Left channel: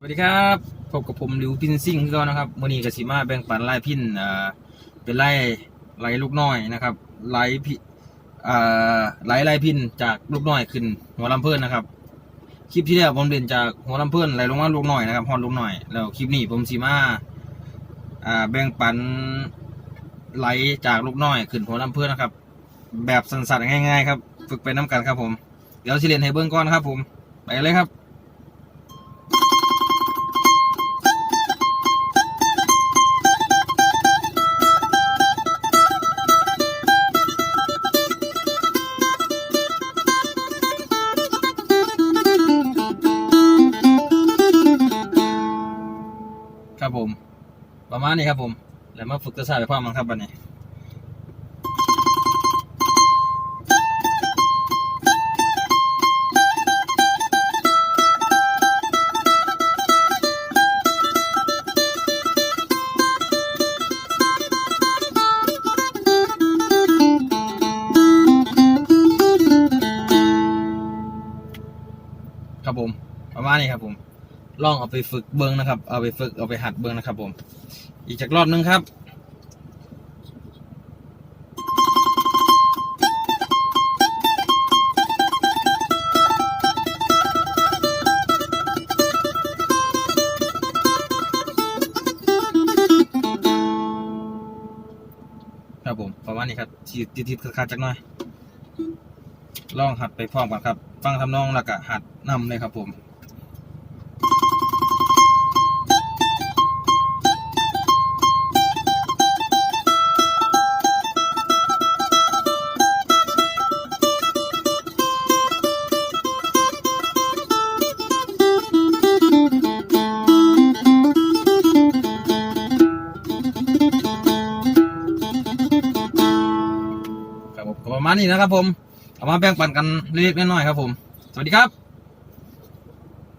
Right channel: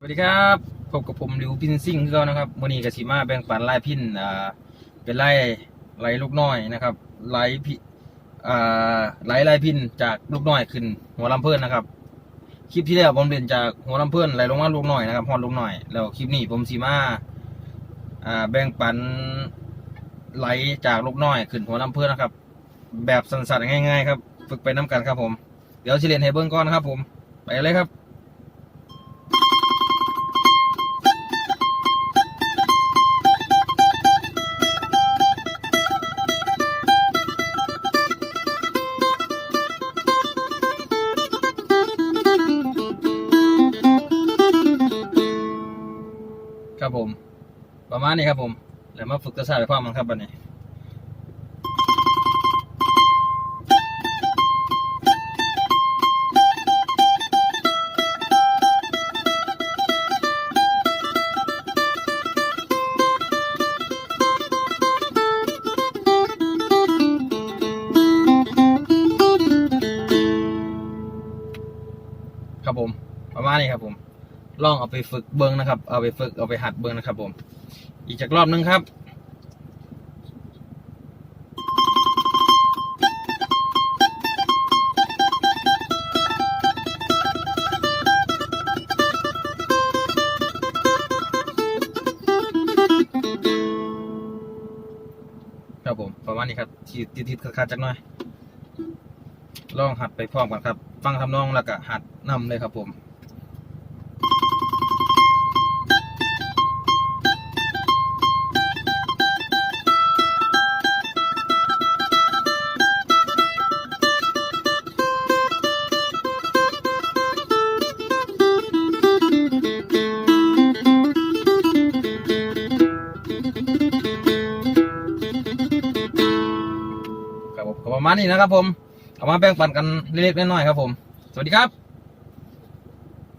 สวัสดีครับพบกับผมหลิวพินซิ่งคือนะครับมือนี้กสิมาแบ่งปันไล่พินอ่าเป็นไล่ไล่ลูกน้อยนะครับไล่พิอ่าไล่ไล่พินจากลูกน้อยขึ้นหัวลำเพื่อนนะครับ คลิปที่แล้วผมเรียนจากหัวลำเพื่อนไล่ลงมาลูกน้อยนะครับฮอนลูกน้อยแล้วคลิปนี้ผมสีมาอ่าแบ่งปันไล่จากลูกน้อยขึ้นหัวลำเพื่อนนะครับ แบบสั้นๆง่าย ๆ ครับ ฝึกไปน้กันครับผม เดี๋ยวสิเรียนให้เบิ้งก่อนนะครับผมไปเลยครับ ครับผม ประมาณนี้ครับผมแล้วมาฝึกกระสายไปพร้อมกันครับวันนี้ครับผม ประมาณนี้ครับผม ลองเอาไปฝึกเบิ้งนะครับ เอาไปฝึกเอาไปหัดเบิ้งนะครับ ผม อีกจากรอบนึงครับครับผมประมาณนี้ครับทีที่ที่ขาดจักหน่อย ลองหัดไปพร้อมกันครับ ฟังทำนองแล้วก็หัดนำเลยครับผม ประมาณนี้นะครับผมเอามาแบ่งปันกันเล็กๆน้อยๆครับผม สวัสดีครับ